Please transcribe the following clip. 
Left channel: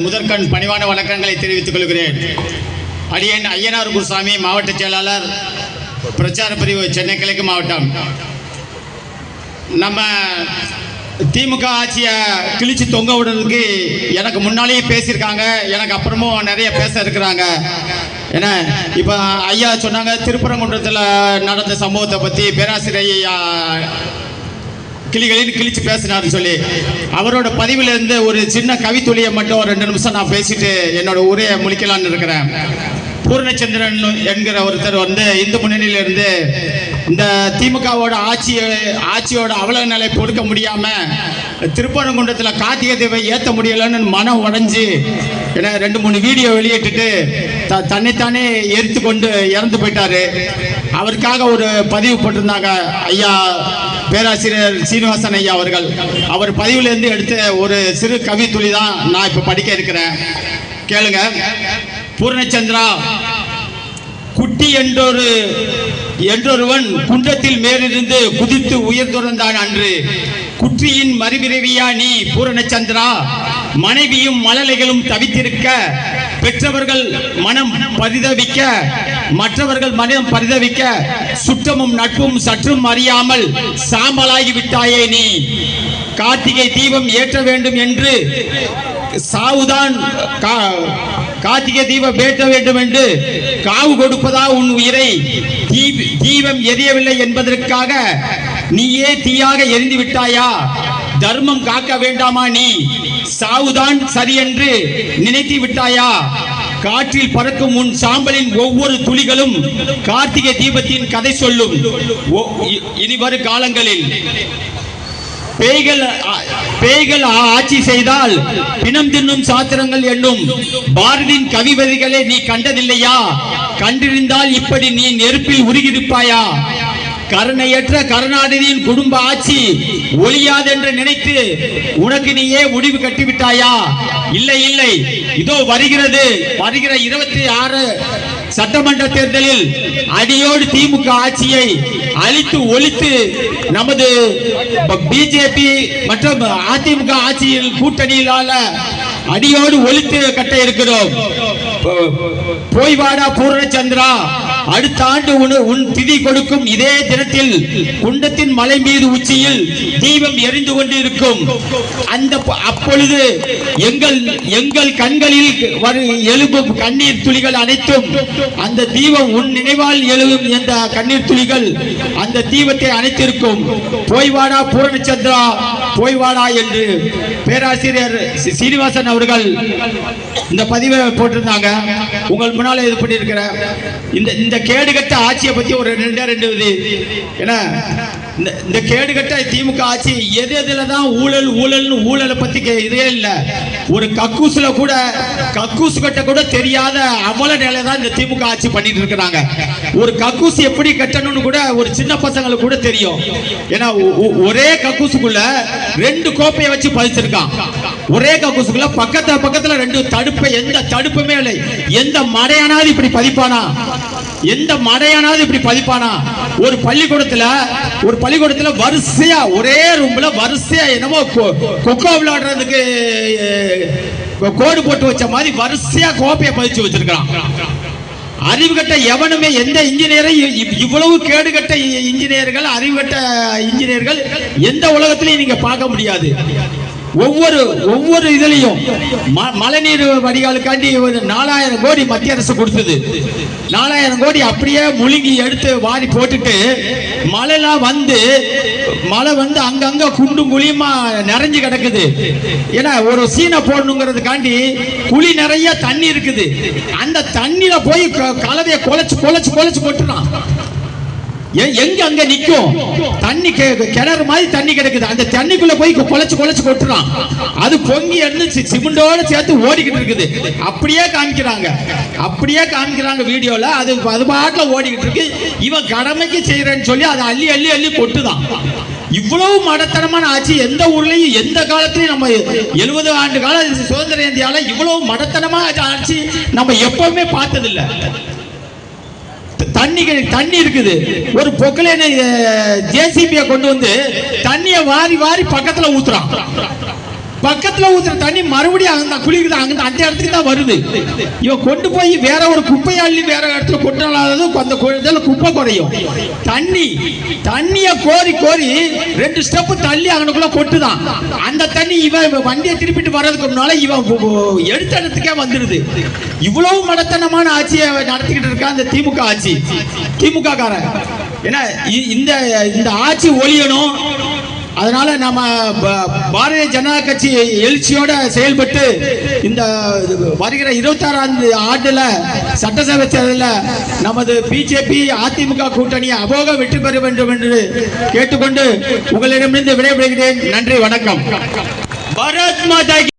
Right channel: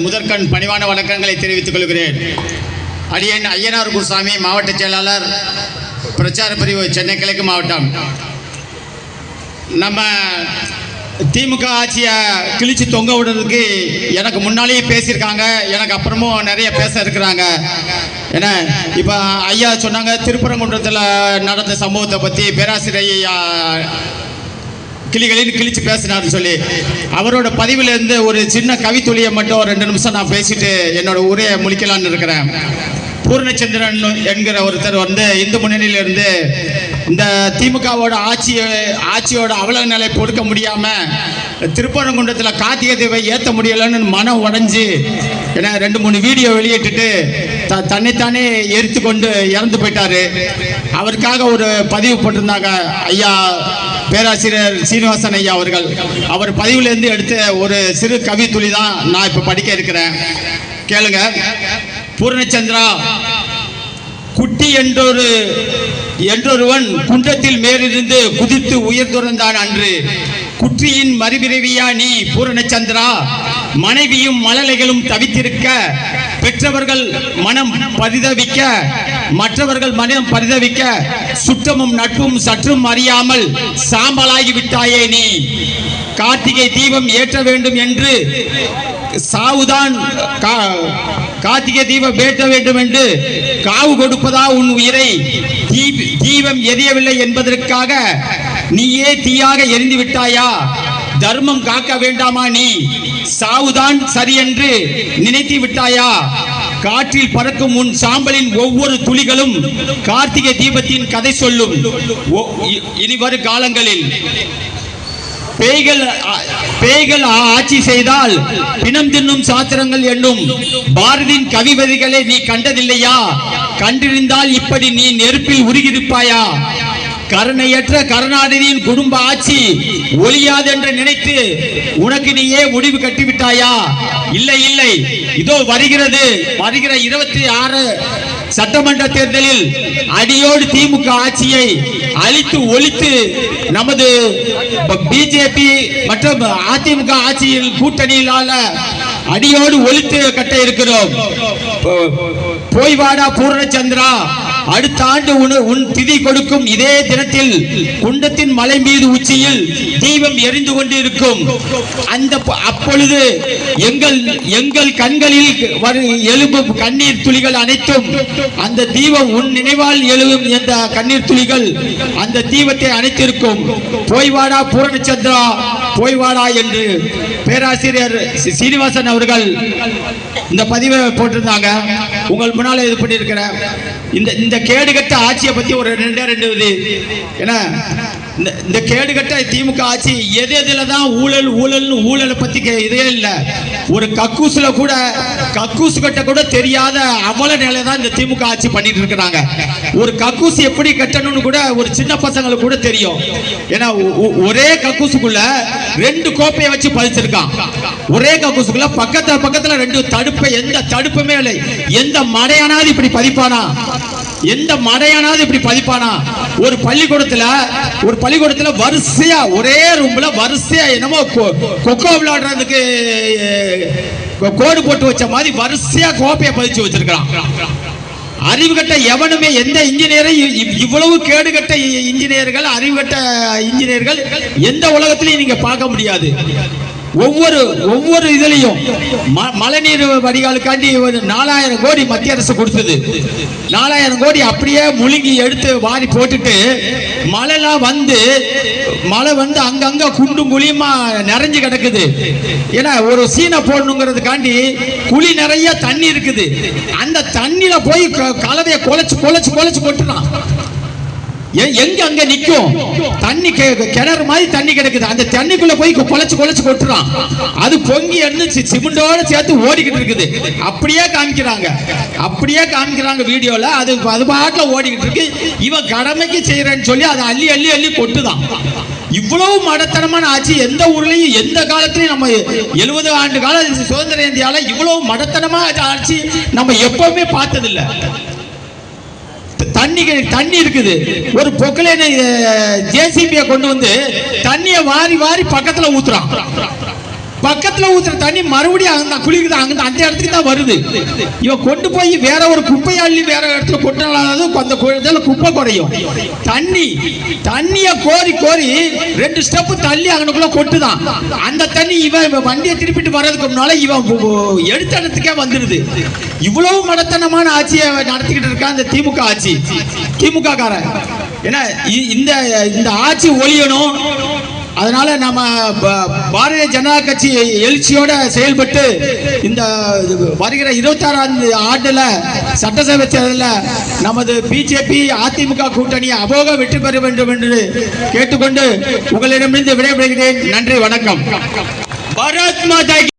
முதற்கண் பணிவான வணக்கங்களை தெரிவித்துக் கொள்கிறேன். அடியன் ஐயனார் குருசாமி, மாவட்ட செயலாளர், பிரச்சார பிரிவு, சென்னை கிழக்கு மாவட்டம். நம்ம திமுக ஆட்சியை கிழிச்சு தொங்க விடுறதுக்கு எனக்கு முன்னாலேயே பேசியிருக்காங்க, எனக்கு அப்புறமும் நிறைய பேச இருக்கிறாங்க. ஏன்னா இப்போ ஐயா சொன்னாங்க, திருப்பரங்குன்றத்தில் நடந்த சம்பவத்தை பற்றி பேராசிரியர் கிளிகளில் கிழிச்சு பேசினார்னு சொல்லி. அவரோட பதிவிலிருந்து ஒரு சின்ன கவித்துளியை மட்டும் 2 நிமிஷம் நான் பேசிட்டு என்னோட உரையை முடிக்கலான்னு இருக்கிறேன். பூர்ணச்சந்திரன் என்கிற ஒருத்தர் இந்து முன்னணியிலிருந்து இந்த திமுகவோட ஆட்சியோட அவல நிலை பொறுக்க முடியாமல் திருப்பரங்குன்றத்தில் கார்த்திகை தீபை ஏற்ற முடியலன்னு மனம் உடைஞ்சு ஏன்னா 2-3 வீடியோ வெளியிட்டுட்டு தன்னைத்தானே எரித்து கொண்டு இறந்து போயிட்டாரு. அவருக்காக ஒரு பதிவு போட்டிருந்தாங்க ஐயா பேராசிரியர் சீனிவாசன் ஐயா அவர்கள். அவர் பதிவிலிருந்து எடுத்த ஒரு சிறு கவி துளி தான் நான் இப்போ படிக்க இருக்கிறேன், கேளுங்க. பூர்ணச்சந்திரா, குட்டி என்றொருவன் குன்றத்தில் மேலிருந்து குதித்து உயிர் துறந்தான் அன்று. குற்றியின் மறுபிறவியா நீ பூரணச்சந்திரா? மனைவியும் மழலைகளும் தவித்திருக்க, பெற்றவர்கள் மனம் பரிதவிக்க, மற்றவர்கள் மனம் பரிதவிக்க, சுற்றமும் நட்பும் சற்றும் அறியாமல் சாம்பலாகி விட்டாயே நீ. கார்த்திகை தீபம் ஏற்ற வேண்டும் என்று சாவுதான், கார்த்திகை தீபம் ஏற்ற வேண்டும் என்று காவு கொடுப்பதா உன் உயிரை? தீபம் எரியவில்லை என்பதற்காக நீயே தீயாக எரிந்து விட்டாயா? தர்மம் காக்க வேண்டாமா நீ? சாவுதான் சரி என்று நினைத்து விட்டாயா? காற்றில் பறக்கும் உன் சாம்பலின் ஒவ்வொரு துளிகளும் கார்த்திகை தீபத்தின் கதை சொல்லும். இனி வரும் காலங்களில் பேய்கள் ஆட்சி செய்தால் பிணம் தின்னும் சாத்திரங்கள் என்னும் பாரதியின் கவிவரிகளை நீ கண்டதில்லையா? கண்டிருந்தால் இப்படி நீ நெருப்பில் உருகியிருப்பாயா? கருணையற்ற கருணாநிதியின் குடும்ப ஆட்சி ஒழியாது என்று நினைத்து உனக்கு நீயே முடிவு கட்டிவிட்டாயா? இல்லை இல்லை, இதோ வருகிற 26 சட்டமன்ற தேர்தலில் அடியோடு திமுக ஆட்சியை அழித்து ஒழித்து நமது பிஜேபி மற்றும் அதிமுக ஆட்சியில் கூட்டணியிலான அடியோடு ஒழித்து கட்ட இருக்கிறோம். போய்வாடா பூர்ணச்சந்திரா, அடுத்த ஆண்டு உன் திதி கொடுக்கும் இதே தினத்தில் குண்டத்தின் மலை மீது உச்சியில் தீபம் எரிந்து கொண்டிருக்கும். அப்பொழுது எங்கள் கண்களில் எழும்பும் கண்ணீர் துளிகள் அனைத்தும் அந்த தீபம் உன் நினைவால் எழுவும் என்ற கண்ணீர் துளிகள் அந்த தீபத்தை அணைத்திருக்கும். போய்வாடா பூர்ணச்சந்திரா, போய்வாடா என்று பேராசிரியர் சீனிவாசன் அவர்கள் இந்த பதிவை போட்டிருந்தாங்க. உங்கள் முன்னால இது பண்ணியிருக்கிற இந்த கேடுகட்ட ஆட்சியை பத்தி ஒரு 2 இது. ஏன்னா இந்த கேடுகட்ட திமுக ஆட்சி எதுல தான் ஊழலை பத்தி இதே இல்லை. ஒரு கக்கூசு கட்ட கூட தெரியாத அவல நிலை தான் இந்த திமுக ஆட்சி பண்ணிட்டு இருக்கிறாங்க. ஒரு கக்கூசு எப்படி கட்டணும்னு கூட ஒரு சின்ன பசங்களுக்கு கூட தெரியும். ஏன்னா ஒரே கக்கூசுக்குள்ள 2 கோப்பையை வச்சு பதிச்சிருக்கான். ஒரே கக்கூசுக்குள்ள பக்கத்துல 2 தடுப்பு, எந்த தடுப்புமே இல்லை. எந்த மடையானாவது இப்படி பதிப்பானா? எந்த மடையானாவது இப்படி பதிப்பானா? ஒரு பள்ளிக்கூடத்துல வரிசையா ஒரே ரூம்ல வரிசையா என்னமோ கொக்கோ விளையாடுறதுக்கு கோடு போட்டு வச்ச மாதிரி வரிசையா கோப்பையை பதிச்சு வச்சிருக்கான். அறிவு கட்ட எவனுமே, எந்த இன்ஜினியரை இவ்வளவு கேடுகட்ட இன்ஜினியர்கள், அறிவுகட்ட இன்ஜினியர்கள் எந்த உலகத்திலையும் நீங்க பார்க்க முடியாது. ஒவ்வொரு இதுலையும் மழைநீர் வடிகாலுக்காண்டி 4000 கோடி மத்திய அரசு கொடுத்தது. 4000 கோடி அப்படியே முழுங்கி எடுத்து வாரி போட்டுட்டு மழை வந்து அங்கங்க குண்டும் குழியுமா நிறைஞ்சு கிடக்குது. ஏன்னா ஒரு சீனை போடணுங்கிறதுக்காண்டி குழி நிறைய தண்ணி இருக்குது. அந்த தண்ணியில போய் கலவையை குலைச்சு கொட்டுறான். எங்க அங்க நிக்கும் தண்ணி, கிணறு மாதிரி தண்ணி கிடைக்குது. அந்த தண்ணிக்குள்ள போய் குலைச்சு கொட்டுறான். அது பொங்கி எண்ணு சிமெண்டோட சேர்த்து ஓடிக்கிட்டு இருக்குது. அப்படியே காமிக்கிறாங்க வீடியோல. அது பாட்டுல ஓடிக்கிட்டு இருக்கு. இவன் கடமைக்கு செய்யறேன்னு சொல்லி அதை அள்ளி கொட்டுதான். இவ்வளவு மடத்தனமான ஆட்சி எந்த ஊர்லயும் எந்த காலத்திலையும் நம்ம 70 ஆண்டு கால சுதந்திர இந்தியால இவ்வளவு மடத்தனமான ஆட்சி நம்ம எப்பவுமே பார்த்ததில்லை. தண்ணி இருக்குது. ஒரு பொக்கலைன ஜேசிபியை கொண்டு வந்து தண்ணியை வாரி பக்கத்துல ஊத்துறான். பக்கத்துல ஊத்துற தண்ணி மறுபடியும் அந்த குளிக்குது அங்க அந்த இடத்துக்கு தான் வருது. இவன் கொண்டு போய் வேற ஒரு குப்பையாளி வேற இடத்துல கொட்டினாலும் அந்த இடத்துல குப்பை குறையும். தண்ணிய கோரி கோரி 2 ஸ்டெப் தள்ளி அங்கனுக்குள்ள கொட்டுதான். அந்த தண்ணி இவன் வண்டியை திருப்பிட்டு வர்றதுக்கு முன்னால இவன் எடுத்த இடத்துக்கே வந்துருது. இவ்வளவு மடத்தனமான ஆட்சியை நடத்திக்கிட்டு இருக்கான் இந்த திமுக ஆட்சி, திமுக காரன். ஏன்னா இந்த ஆட்சி ஒழியணும். அதனால நம்ம பாரதிய ஜனதா கட்சி எழுச்சியோட செயல்பட்டு இந்த வருகிற 26ஆம் ஆண்டுல சட்டசபை தேர்தலில் நமது பிஜேபி அதிமுக கூட்டணி அமோக வெற்றி பெற வேண்டும் என்று கேட்டுக்கொண்டு உங்களிடமிருந்து விடைபெறுகிறேன். நன்றி, வணக்கம். பாரத் மாதா.